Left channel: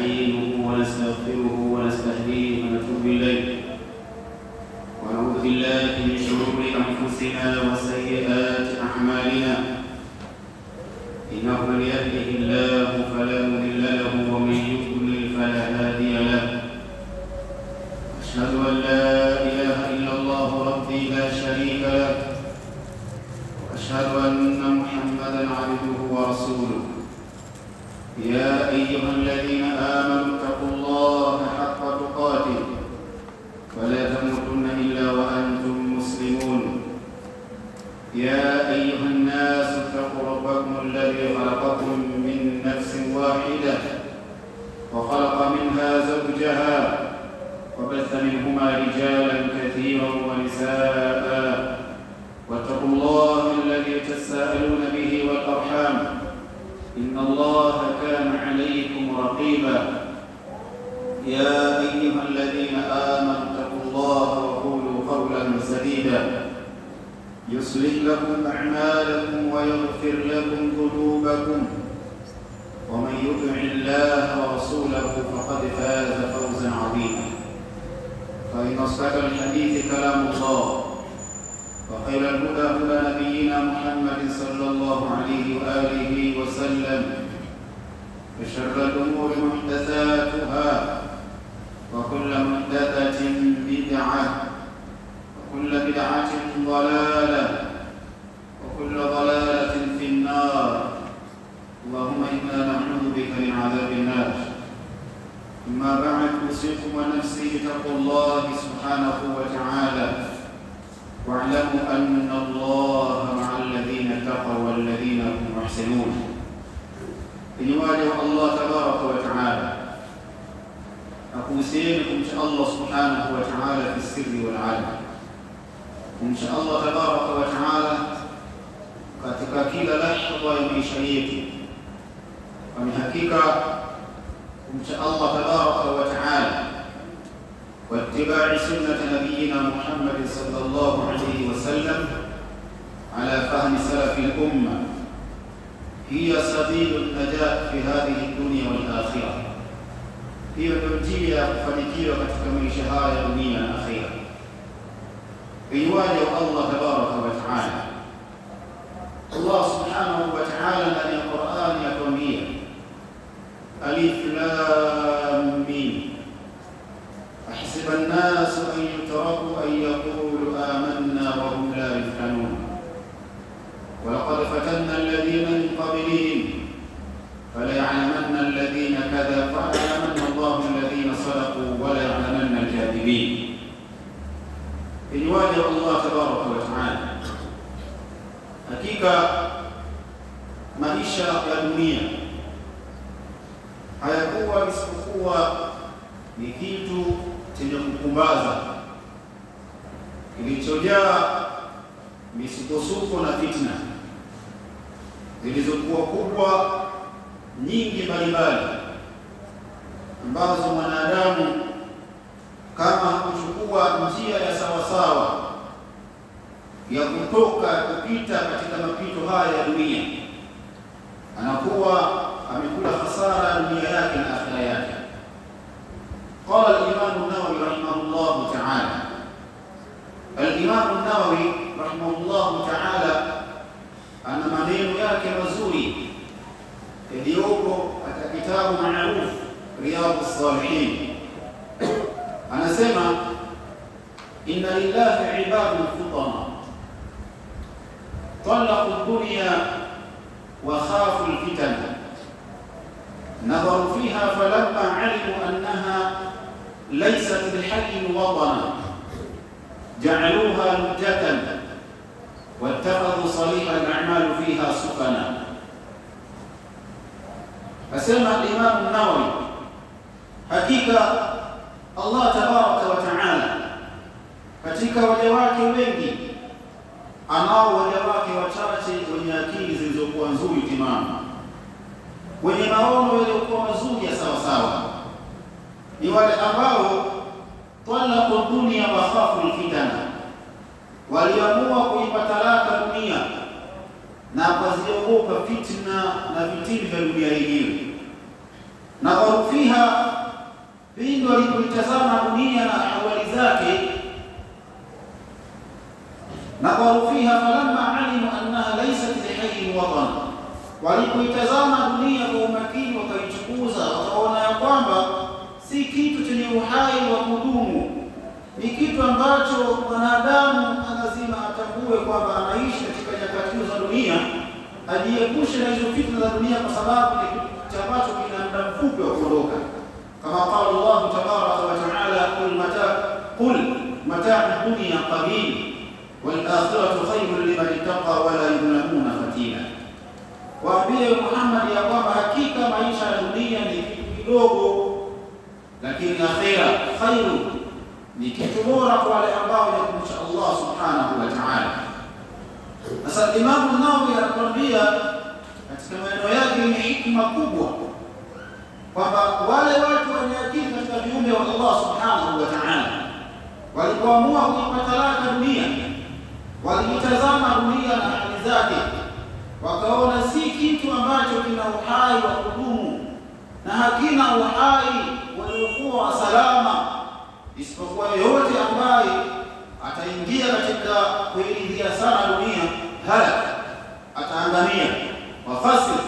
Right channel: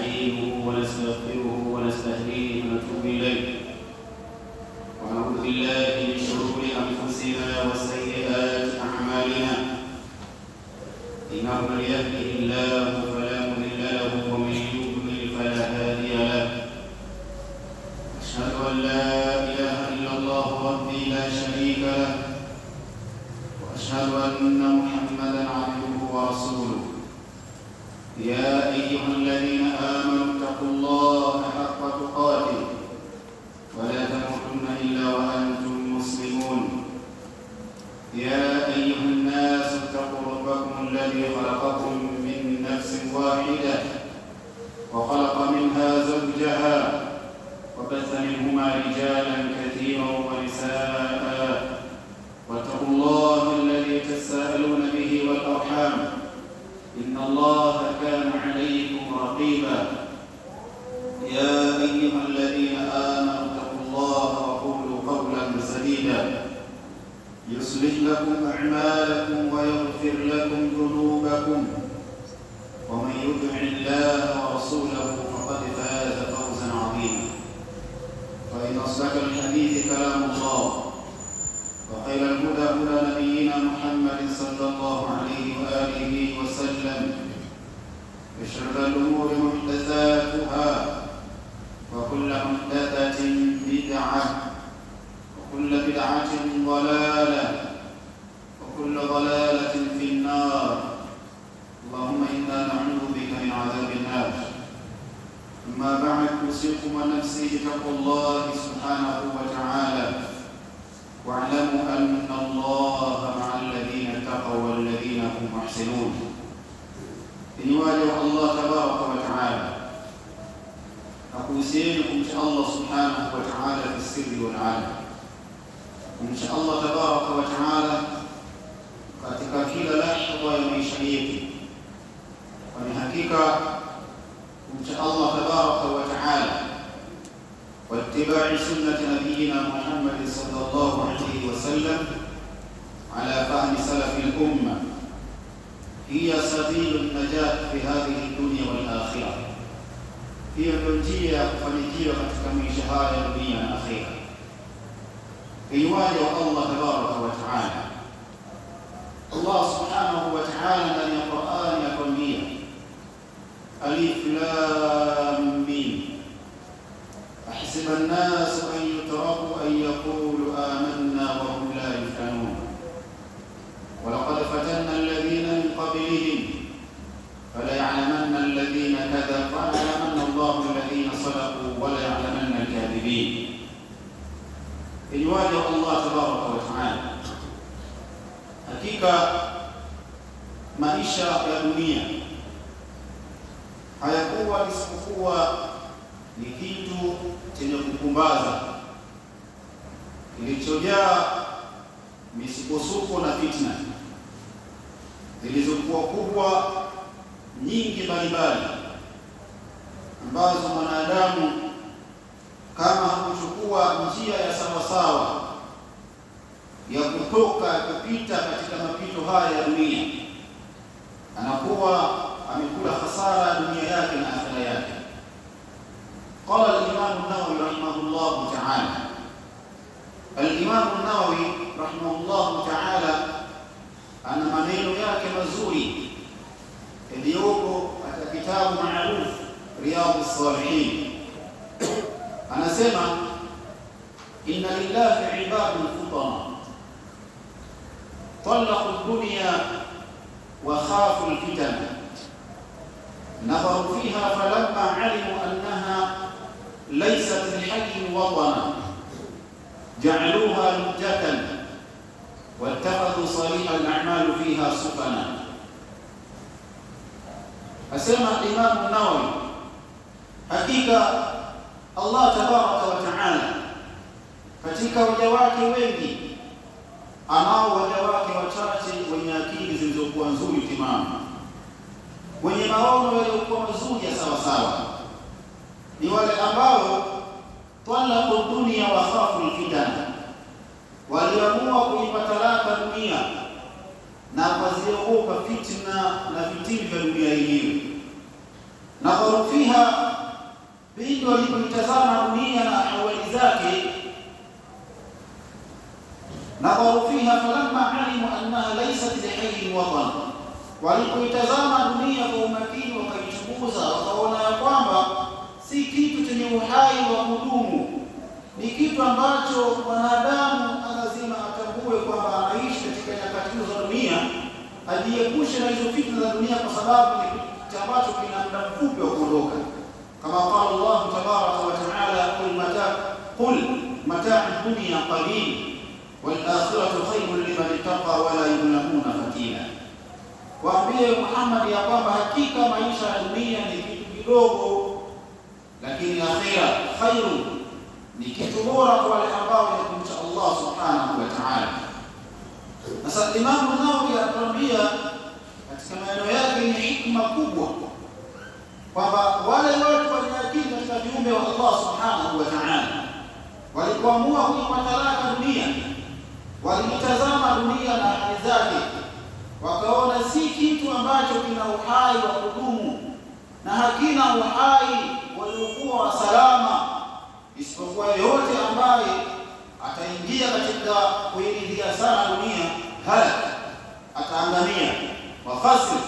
ونستعينه ونستغفره ونستهديه ونتوب إليه ونعوذ بالله من شرور أنفسنا وسيئات أعمالنا إنه من يهده الله فلا مضل له ومن يضلل فلا هادي له أشهد أن لا إله إلا الله ربي لا شريك له وأشهد أن محمدا عبده ورسوله يا أيها الذين آمنوا اتقوا الله حق تقاته ولا تموتن إلا وأنتم مسلمون يا أيها الناس اتقوا ربكم الذي خلقكم من نفس واحدة وخلق منها زوجها وبث منهما رجالا كثيرا ونساء واتقوا الله الذي تساءلون به والأرحام إن الله كان عليكم رقيبا يا أيها الذين آمنوا اتقوا الله وقولوا قولا سديدا يصلح لكم أعمالكم ويغفر لكم ذنوبكم ومن يطع الله ورسوله فقد فاز فوزا عظيما فإن أصدق الحديث كلام الله وخير الهدى هدى نبينا محمد صلى الله عليه وآله وسلم وشر الأمور محدثاتها وكل محدثة بدعة وكل بدعة ضلالة وكل ضلالة في النار اللهم إنا نعوذ بك من عذاب النار أما بعد أوصيكم ونفسي بتقوى الله سبحانه وتعالى واعلموا أن الله مع الذين اتقوا والذين هم محسنون إنواجه الله تبارك وتعالى أقوسينكم إن شاء الله سبحانه وتعالى في السر والعالم إن شاء الله تبارك وتعالى katika kila lahadha ya maisha yetu, kwani hakika kumcha Allah tabaraka wa taala wa ittiba'i sunnati nabiyyina Muhammad sallallahu alayhi wa sallam ala fahmi salafi al-umma hiya sabilun najat fi hadhihi ad-dunya wal akhirah. Hiyo ndio njia ya kufanikiwa katika maisha haya ya dunia na akhira. Iwaje Allah tabaraka wa taala, Allah subhanahu wa ta'ala ndani ya Qur'an yatuambia alif lam mim ahsiba an-nas an yutraku an yaqulu amanna wa hum la yuftanun wa laqad fatanna alladhina min qablihim fala ya'lamanna alladhina kadhabu wa ya'lamanna Allahu alladhina sadaqu wa la ya'lamanna al-kadhibin. Iwaje Allah tabaraka wa ta'ala, hakika maisha ya dunia hayakuwa isipokuwa ni kitu chenye kupumbaza kilichojaa misukosuko na fitna zilizokuwa kubwa nyingi mbalimbali, ambazo mwanadamu kama huchukua njia ya sawasawa ya kutoka kupita katika mapito haya ya dunia, anakuwa amekula hasara ya dunia yake na akhira yake. Qala al-Imam an-Nawawi rahimahullah ta'ala, al-Imam an-Nawawi rahimahullah ta'ala ana maneno yake mazuri yaliyopo katika kitabu maarufu Riyadhus Salihin. Anasema inna lillahi ibadun futana طلقوا الدنيا وخافوا الفتن نظروا فيها فلما علموا أنها ليست للحق وطنا جعلوها لجة واتخذوا صريح الأعمال فيها سفنا. أسمى الإمام النووي حقيقة الله تبارك وتعالى katika waja wake wengi anao waja wake wachache wenye akili zilizokuwa nzuri timamu, wenye maono yaliyokuwa mazuri ya sawa sawa, ni wale ambao talaqu dunya wa khafu al-fitan, waliamua kuipa talaka dunia na kuziogopa fitna na vitimbi vya dunia yenyewe. Na fiha, pindi walipoitazama dunia na ahwali zake, nadharu fiha falamma alimu annaha laysat lihayyin watan, walipoitazama dunia kwa umakini wakaichunguza, wakaona ya kwamba si kitu chenye uhai wa kudumu, ni kitu ambacho mwanadamu lazima atambue kwamba anaishi katika nyakati za dunia, ajiepushe na hizo fitna za dunia, kwa sababu ni kitu ambacho kina muda mfupi wa kuondoka. Kama qala Allah tabaraka wa taala, qul mata'u dunya qalil wal akhiratu khayrun liman ittaqa wa la yuzlamuna fatila. Waambie Muhammad ya kwamba hakika maisha ya dunia ni kitu kidogo, lakini akhira khairu, ni kitu bora kwa wale ambao wanamcha Allah subhanahu wa ta'ala. Sasa Imam An-Nawawi anatuambia katika maneno yake yenye hikma kubwa kwamba wale watu wenye akili katika viumbe wa Allah subhanahu wa ta'ala walipoamua kuipa talaka dunia, walitazama dunia na hali zake, wakaona si kitu ambacho kina uhai wa kudumu na hakina uhai waliokuwa salama, isipokuwa yote ambaye ataingia katika kuiridhia sana dunia halaka, ataangamia wafasir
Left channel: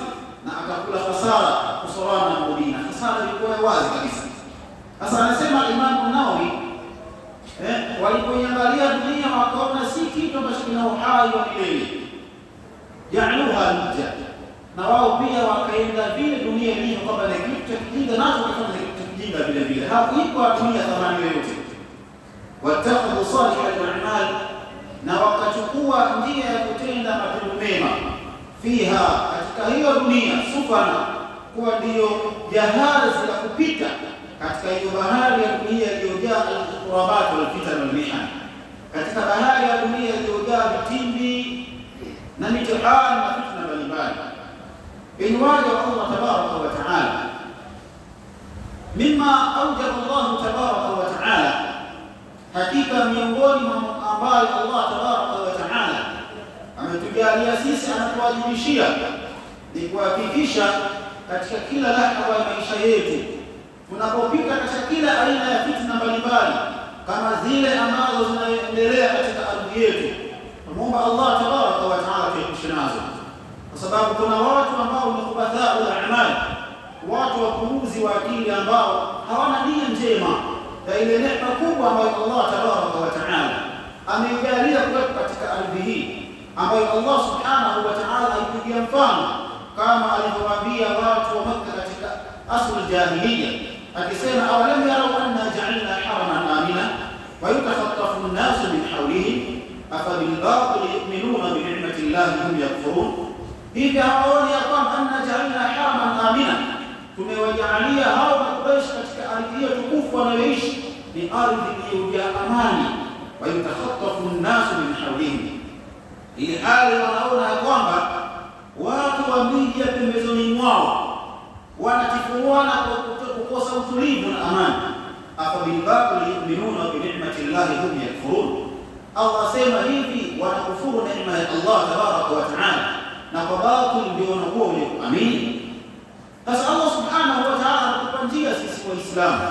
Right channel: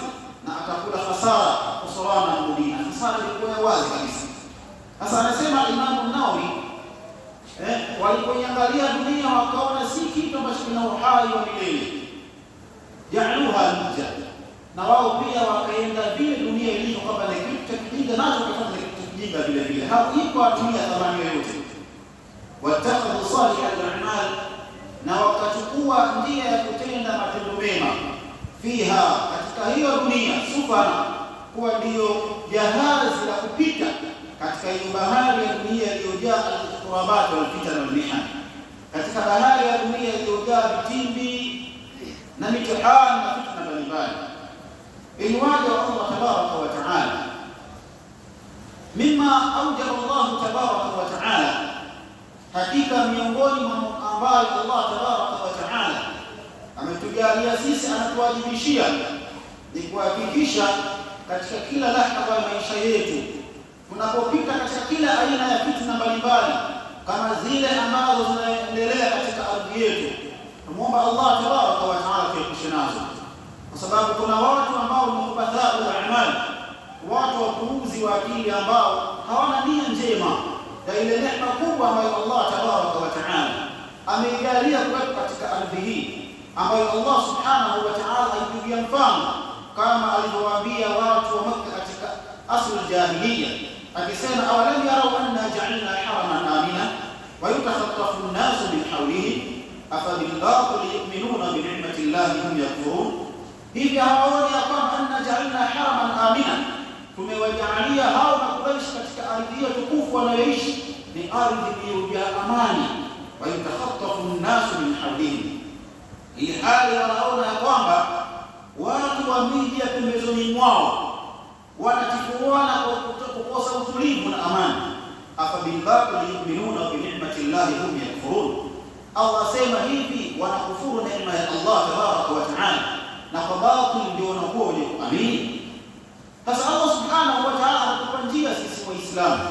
na atakula hasara kusorana na dunia. Hasara ilikuwa wazi kabisa. Sasa anasema Imam An-Nawawi walipoiangalia dunia wakaona si kitu ambacho kina uhai wa milele, ja'aluha lija, na wao pia wakaenda vile dunia ilivyo kwamba ni kitu cha kijinga, nacho kama ni kitu cha kijinga vile vile, hakuipa dunia thamani yoyote. Watakhadhu salih al-a'mal, na wakachukua njia ya kutenda matendo mema, fiha, katika hiyo dunia, sufana, kuwa ndiyo jahazi la kupita katika hiyo bahari ya dunia iliyojaa al-qurabat wal-fitan wal-mihan, katika bahari ya dunia iliyojaa vitimbi na mitihani na fitna mbalimbali. Inwaja Allah tabaraka wa taala, mimma awjaba Allah tabaraka wa taala, hakika miongoni mwa ambayo Allah tabaraka wa taala ametujalia sisi, anatuwajibishia ni kuhakikisha katika kila lahadha ya maisha yetu, tunapopita katika kila aina ya fitna mbalimbali kama zile ambazo zinaendelea katika ardhi yetu, tumuomba Allah tabaraka wa taala tuepushe nazo, kwa sababu kuna watu ambao ni kubathau al-a'mal, watu wapuuzi wa akili ambao hawana nia njema ya ile neema kubwa ambayo Allah tabaraka wa taala amejalia kwetu katika ardhi hii, ambayo Allah subhanahu wa taala alipigia mfano kama alivyowaambia watu wa Makkah katika asl jahiliya, akisema awalam yarau anna ja'alna haraman amina wa yatakhaffafu an-nasu min hawlihim afa bil batil yu'minuna bi ni'mati llahi hum yakfurun. Hivi hawaoni ya kwamba anna ja'alna haraman amina, tumewajalia hao Makuraish katika ardhi hiyo tukufu wanayoishi ni ardhi iliyojaa amani, wa yatakhaffafu an-nasu min hawlihim, hii hali wanaona ya kwamba watu wa miji ya pembezoni mwao wanatifuana kwa kukosa utulivu na amani. Afa bil batil yu'minuna bi ni'mati llahi hum yakfurun, Allah sema hivi wanakufuru neema ya Allah tabaraka wa taala, na kwa batil ndio wanakuwa wenye kuamini. Sasa Allah subhanahu wa taala anatupa njia sisi Waislamu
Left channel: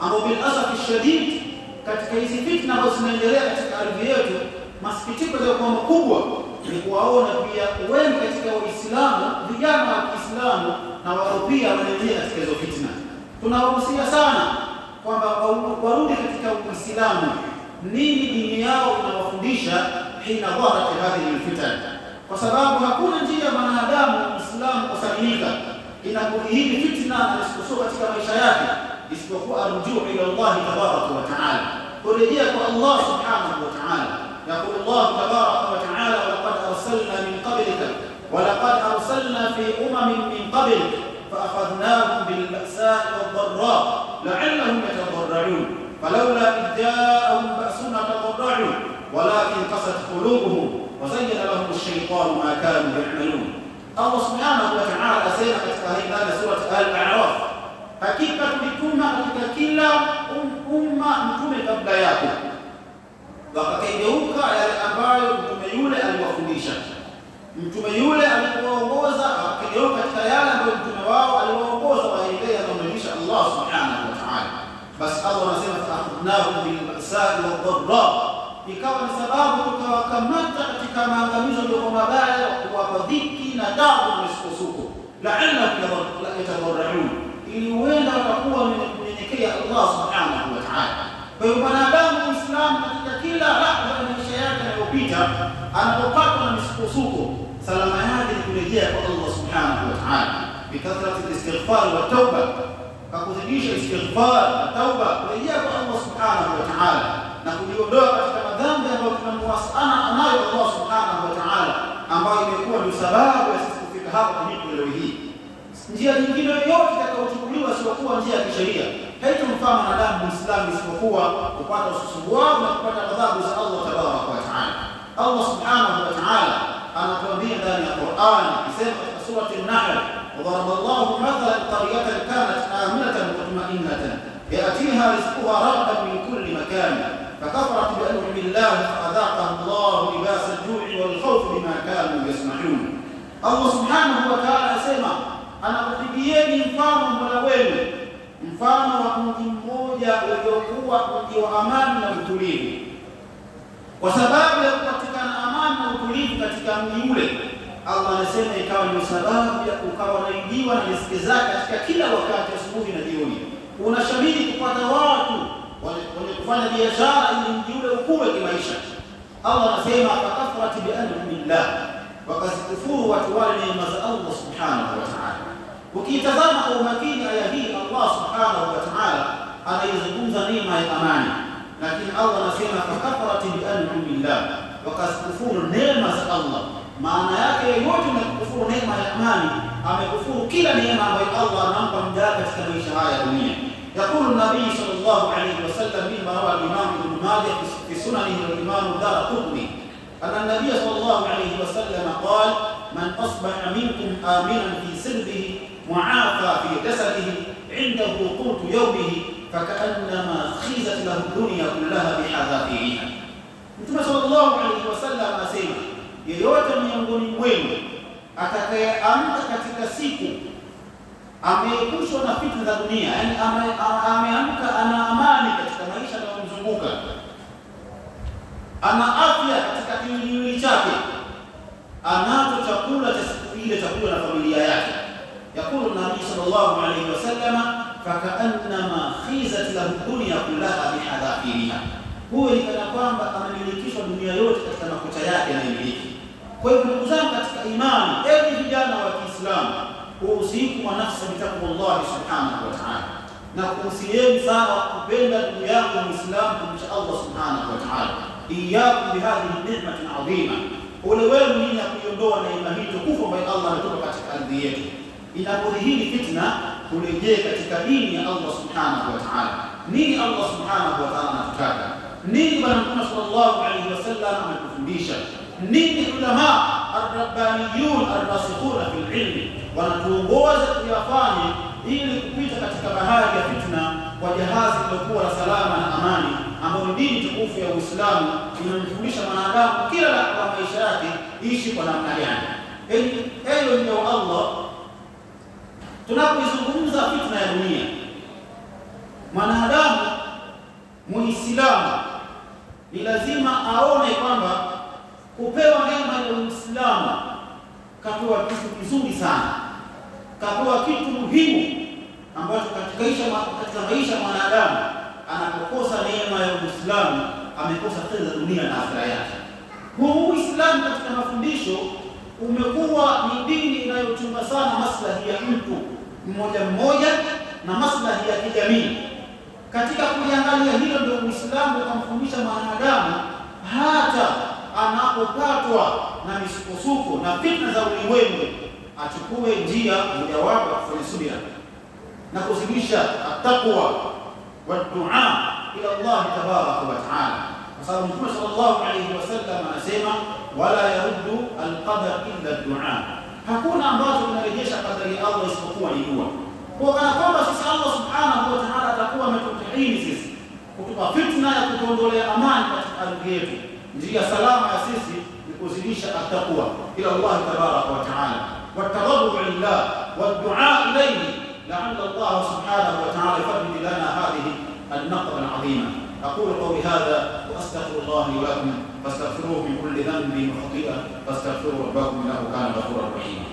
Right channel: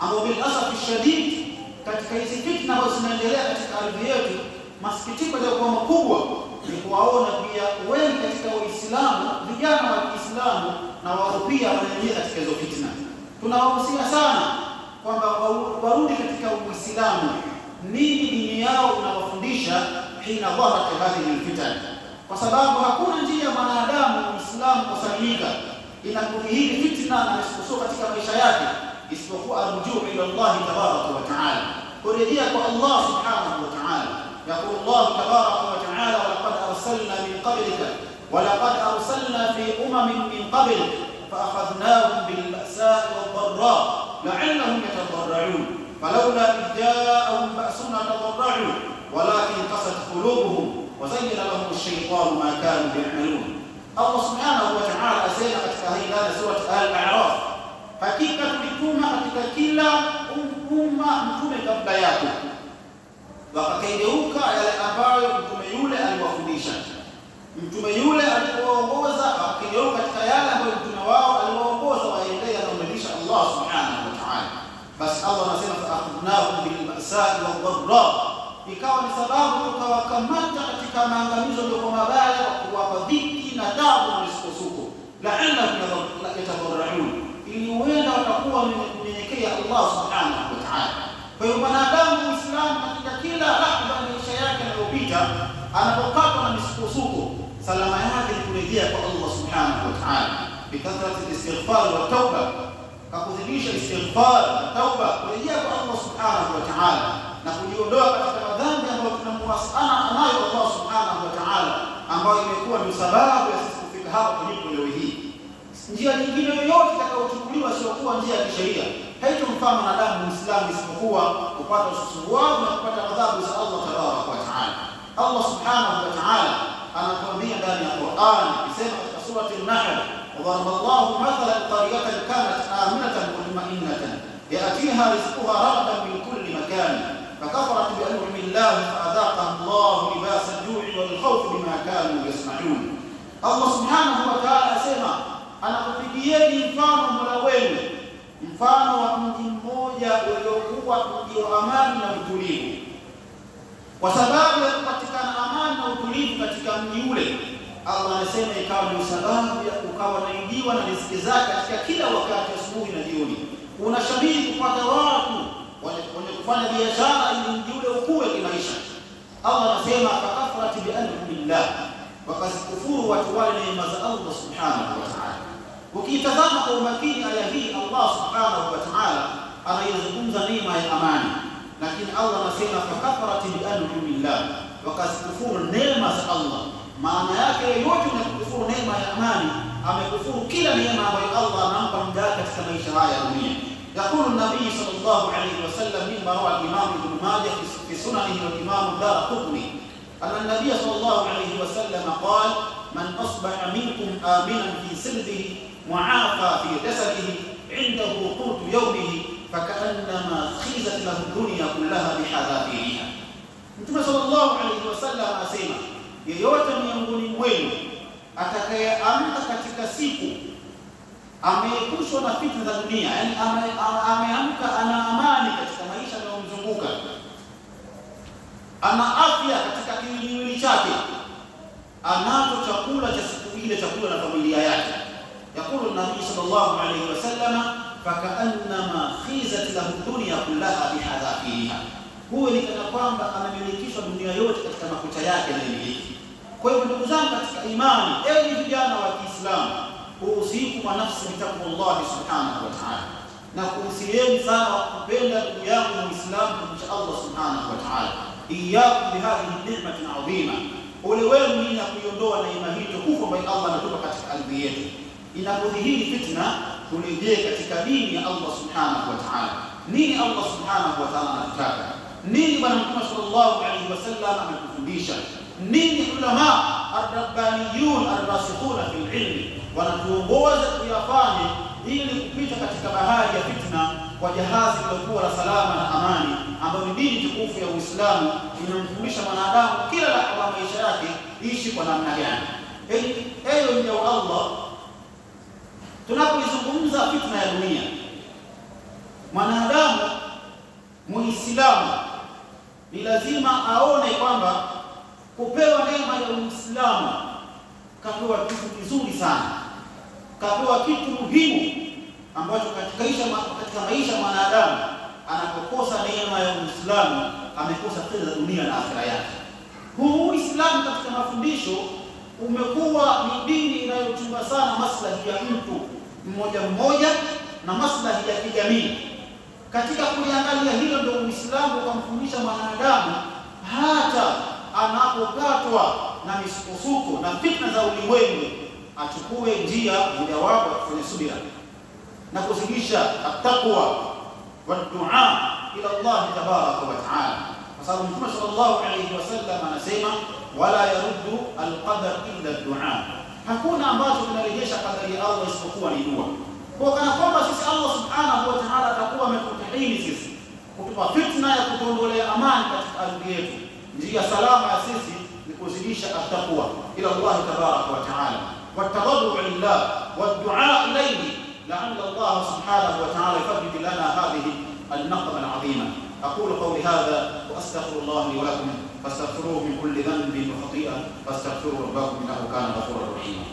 ambao bil asaf shadid katika hizi fitna ambazo zinaendelea katika ardhi yetu, masikitiko yao makubwa ni kuwaona pia wengi katika Waislamu, vijana wa Kiislamu na wao pia wanaingia katika hizo fitna. Tunawahusia sana kwamba warudi katika Uislamu, nini dini yao inawafundisha hina dhaharat hadhihi alfitan, kwa sababu hakuna njia ya mwanadamu Muislamu kusalimika inapohili fitna na misukosuko katika maisha yake isipokuwa arjuu ila Allah tabaraka wa taala, kurejea kwa Allah subhanahu wa taala. يقول الله تبارك وتعالى ولقد أرسلنا من قبلك ولقد أرسلنا في من قبلك فأخذناهم بالبأساء والضراء لعلهم يتضرعون فلولا إذ جاءهم بأسنا تضرعوا ولكن قست قلوبهم وزين لهم الشيطان ما كانوا يعملون. الله سبحانه وتعالى أسينا katika hii sura Al-A'raf, hakika tulituma katika kila umma mtume kabla yako, wakakengeuka yale ambayo mtume yule aliwafundisha. Mtume yule alipoongoza wakakengeuka katika yale ambayo mtume wao aliwaongoza waendea na kumridhisha Allah Allah subhanahu wa ta'ala. Basi Allah anasema fa akhadnahum bil ba'sa'i wad dharra, ikawa ni sababu tukawakamata katika maangamizo yaliyo mabaya, kuwapa dhiki na taabu na misukosuko, la'allahum yatadharra'un, ili huenda watakuwa wenyenyekea Allah subhanahu wa ta'ala. Kwa hiyo mwanadamu Muislamu katika kila lahza ya maisha yake yanayopita, anapopatwa na misukosuko, salama yake ni kurejea kwa Allah subhanahu wa ta'ala bikathrati al-istighfar wa tauba, kakuzidisha istighfar na tauba, kurejea kwa Allah subhanahu wa ta'ala na kujiondoa katika madhambi ambayo tunamwasana anayo Allah subhanahu wa ta'ala, ambayo imekuwa ni sababu ya sisi kufika hapa tulipo leo hii. Njia nyingine yoyote itakayochukuliwa sio kuwa njia ya kisheria haitomfaa mwanadamu Muislamu isipokuwa kupata ususuwavu na kupata adhabu za Allah tabaraka wa ta'ala. Allah subhanahu wa ta'ala anatuambia ndani ya Qur'an, akisema katika surati An-Nahl, وضرب الله مثلا قرية كانت آمنة مطمئنة يأتيها رزقها رغدا من كل مكان فكفرت بأنعم الله فأذاقها الله لباس الجوع والخوف بما كانوا يصنعون. Allah subhanahu wa ta'ala asema, anakupigieni mfano Mola wenu, mfano wa mji mmoja uliokuwa mji wa amani na utulivu. Kwa sababu ya kupatikana amani na utulivu katika mji ule, Allah anasema ikawa ni sababu ya ukawa naingiwa na riziki zake katika kila wakati, asubuhi na jioni. Unashabiri kupata watu wenye kufanya biashara ili mji ule ukue kimaisha. Allah anasema fakafarati bi an'amillah, wakazikufuru watu wale neema za Allah subhanahu wa ta'ala. Ukitazama kwa umakini aya hii, Allah subhanahu wa ta'ala anaizungumza neema ya amani, lakini Allah anasema fakafarati bi an'amillah, wakazikufuru neema za Allah. Maana yake yote ni kukufuru neema ya amani, amekufuru kila neema ambayo Allah anampa mja katika maisha haya ya dunia. يقول النبي صلى الله عليه وسلم مما روى الإمام ابن ماجه في سننه والإمام الدارقطني أن النبي صلى الله عليه وسلم قال: من أصبح منكم آمنا في سربه معافى في جسده عنده قوت يومه فكأنما خيزت له الدنيا كلها بحذافيرها. Mtume sallallahu alayhi wasallam anasema, yeyote miongoni mwenu atakayeamka katika siku ameepushwa na fitna za dunia, yani ameamka ana amani katika maisha yanayomzunguka, ana afya katika kiwiliwili chake, anacho chakula cha siku ile, chakula na familia yake. Yakulu Nabii sallallahu alayhi wasallam, fakaannama khizat lahu dunya kullaha bihadafiriha, huyo ni kana kwamba amemilikishwa dunia yote katika makucha yake na miliki. Kwa hivyo ndugu zangu katika imani, enyi vijana wa Kiislamu, usiku wa nafsi bitaqwallah subhanahu wa ta'ala, na kuhusieni sana kupenda ndugu yangu Muislamu kumcha Allah subhanahu wa ta'ala. Iyyakum bihadhihi ni'matin 'azima, ole wenu ni kuiondoa neema hii tukufu ambayo Allah anatupa katika ardhi yetu. Inapodhihiri fitna, turejee katika dini ya Allah subhanahu wa ta'ala. Nini Allah subhanahu wa ta'ala anataka? Nini Bwana Mtume sallallahu alayhi wasallam ametufundisha? Nini ulama ar-rabbaniyun ar-rasikhuna fil ilmi wanatuongoza kuyafanya ili kupita katika bahari ya fitna kwa jahazi lilokuwa la salama na amani, ambayo ni dini tukufu ya Uislamu inamfundisha mwanadamu kila lahza maisha yake ishi kwa namna gani. Eyo ndio Allah, tunapoizungumza fitna ya dunia, mwanadamu Muislamu ni lazima aone kwamba kupewa neema ya Uislamu kapewa kitu kizuri sana, kapewa kitu muhimu ambacho katika maisha mwanadamu anapokosa neema ya Uislamu amekosa kheri za dunia na akhera yake. Huu Uislamu katika mafundisho umekuwa ni dini inayochunga sana maslahi ya mtu mmoja mmoja na maslahi ya kijamii. Katika kuliangalia hilo ndio Uislamu ukamfundisha mwanadamu hata anapopatwa na misukosuko na fitna za ulimwengu achukue njia mojawapo ya kufanya subira na kuzidisha at-taqwa wa du'a ila Allah tabaraka wa ta'ala, kwa sababu Mtume sallallahu alayhi wasallam anasema wala yaruddu al-qadar illa ad-du'a, hakuna ambacho kinarejesha kadari ya Allah isipokuwa ni dua. Kwa kana kwamba sisi Allah subhanahu wa ta'ala atakuwa ametutahini sisi kutupa fitna ya kutuondolea amani katika ardhi yetu. Njia salama ya sisi ni kuzidisha at-taqwa ila Allah tabaraka wa ta'ala, wa tawaddu lillah wa du'a ilayhi لعل الله سبحانه وتعالى يفرج لنا هذه النقمة العظيمة. أقول قولي هذا وأستغفر الله لي ولكم فاستغفروه من كل ذنب وخطيئة فاستغفروا ربكم إنه كان غفورا رحيما.